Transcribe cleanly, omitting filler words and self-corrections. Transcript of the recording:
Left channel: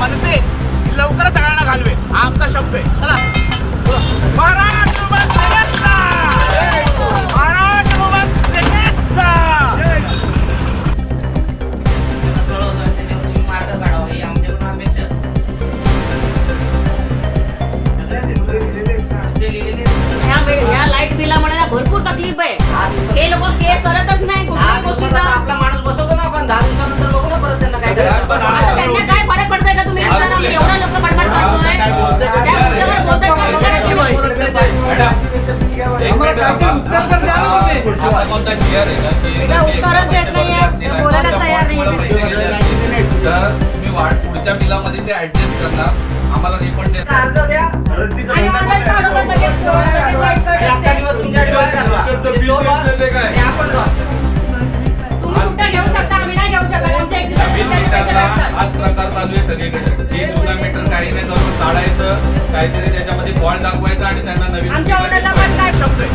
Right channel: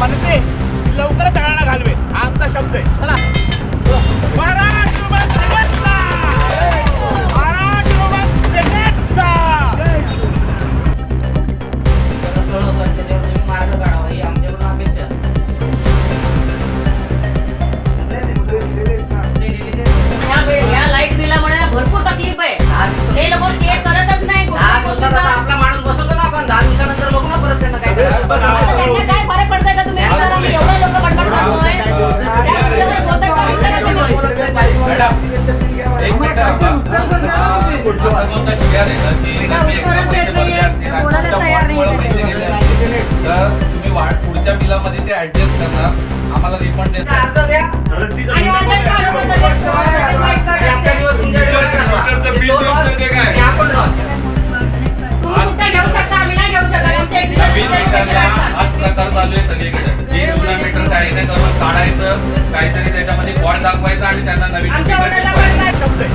मनसे लवकर सगळ्यांना घालवे हा आमचा शब्द आहे. महाराष्ट्र बस सेनेचा! महाराष्ट्र बस सेनेचा! भरपूर तकलीफ आहे. हे लोक केअर करतच नाही. आपला माणूस बसवतो ना आपण 10 दिवसानंतर बघू ना परत त्यांना काय करायचं. त्यांना काय फरक पडतंय का तुम्ही एवढा लोक बडबड करतोय. कोणता शेअर आहे का की तर तुम्ही पुढच्या बिलामध्ये ते ऍडजस्ट करणार आम्हाला रिफंड देणार. अर्ज द्या. अख्खा दिवस तुमच्याकडे आपण लॉस. घेऊ शकता आम्ही नाही घेऊ शकत. नवीन मीटरला हाच प्रकार चालू आहे सगळीकडे. हे जुना मीटर काही नाही करून काढायचं, काहीतरी त्याच्यामध्ये फॉल्ट दाखवायचा आणि त्यांना नवीन शब्द आहे.